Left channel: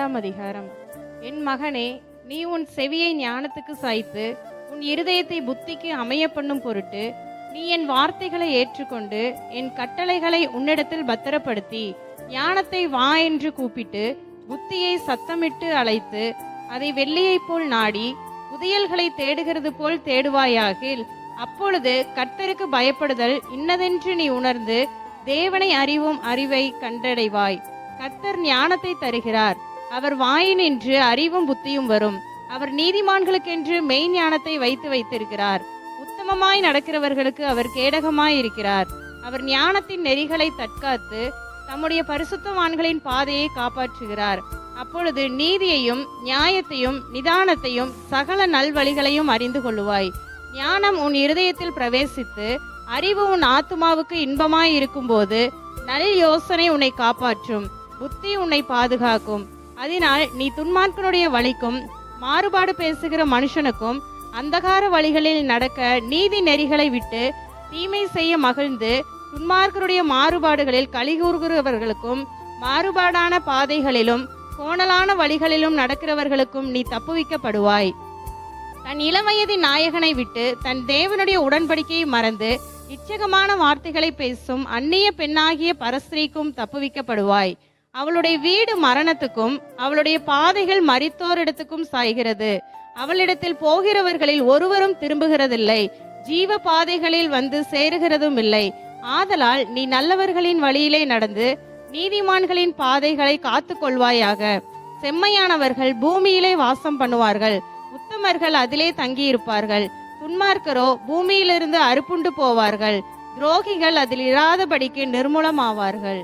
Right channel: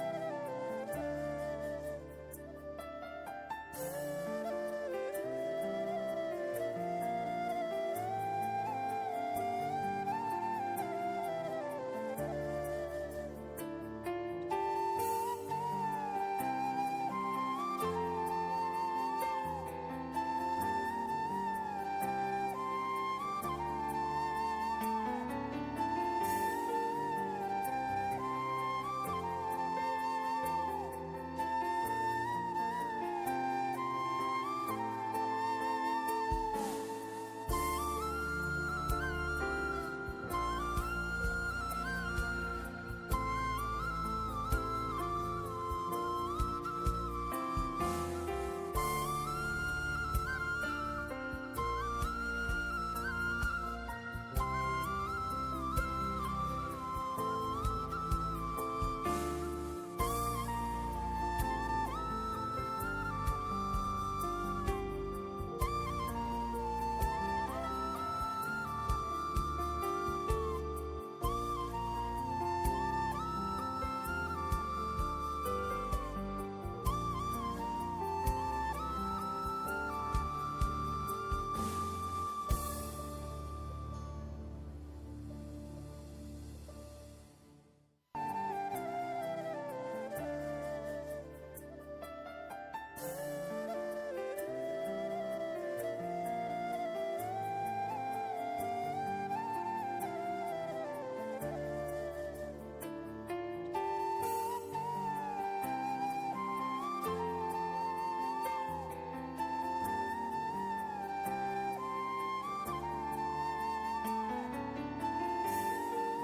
இரண்டாம் அதிகாரம். என் மகனே நீ உன் செவியை ஞானத்துக்கு சாய்த்து உன் இருதயத்தை புத்திக்கு அமைய பண்ணும் பொருட்டு நீ என் வார்த்தைகளை ஏற்றுக்கொண்டு என் கட்டளைகளை உன்னிடத்தில் பத்திரப்படுத்தி ஞானத்தை வா என்று கூப்பிட்டு புத்தியை சத்தமிட்டு அழைத்து அதை வெள்ளியைப் போல் நாடி புதியல்களை தேடுகிறது போல் தேடுவாயாகில் அப்பொழுது கர்த்தருக்கு பயப்படுதல் இன்னதென்று நீ உணர்ந்து தேவனை அறிவும் அறிவை கண்டடைவாய். கர்த்தர் ஞானத்தை தருகிறார். அவர் வாயினின்று அறிவும் புத்தியும் வரும். அவர் நீதிமான்களுக்கென்று மெய் ஞானத்தை வைத்து வைத்திருக்கிறார். உத்தமமாய் நடக்கிறவர்களுக்கு அவர் கேடகமாய் இருக்கிறார். அவர் ஞானத்தின் நெறிகளை தற்காத்து தம்முடைய பரிசுத்தவான்களின் பாதையை காப்பாற்றுகிறார். அப்பொழுது நீதியையும் நியாயத்தையும் நிதானத்தையும் சகல நல்வழிகளையும் அறிந்து கொள்ளுவாய். ஞானம் உன் இருதயத்தில் பிரவேசித்து அறிவு உன் ஆத்துமாவுக்கு இன்பமாய் இருக்கும்போது நல் யோசனை உன்னை காப்பாற்றும். புத்தி உன்னை பாதுகாக்கும். அதனால் நீ துன்மார்க்கனுடைய வழிக்கும் மாறுபாடு பேசுகிற மனுஷனுக்கும் அந்தகார வழிகளில் நடக்க நீதி நெறிகளை விட்டு தீமை செய்ய மகிழ்ந்து துன்மார்க்கருடைய மாறுபாடுகளில் கலிகூறுகிறவர்களுக்கும் மாறுபாடான பாதைகளிலும் கோணலான வழிகளிலும் நடக்கிறவர்களுக்கும் நீ தப்புவிக்கப்படுவாய். தன் இளவயதின் நாயகனை விட்டு தன் தேவனுடைய உடன்படிக்கையை மறந்து இச்சகமான வார்த்தைகளை பேசும் அந்நிய பெண்ணாகிய பரஸ்திரீக்கும் தப்புவிக்கப்படுவாய். அவளுடைய வீடு மரணத்துக்கும் அவளுடைய பாதைகள் மறித்தோரிடத்துக்கும் சாய்கிறது. அவளிடத்தில் போகிறவர்களில் ஒருவரும் திரும்புகிறதில்லை. ஜீவ பாதைகளில் வந்து சேருகிறதும் இல்லை. ஆதலால் நீ நல்லவர்களின் வழியிலே நடந்து நீதிமான்களின் பாதைகளை காத்து கொள்வாயாக. செம்மையானவர்கள் பூமியிலே வாசம் பண்ணுவார்கள். உத்தமர்கள் அதிலே தங்கியிருப்பார்கள். துன்மார்க்கரோ பூமியிலிருந்து அறுப்புண்டு போவார்கள். துரோகிகள் அதில் இராதபடிக்கு நிர்மூலமாவார்கள்.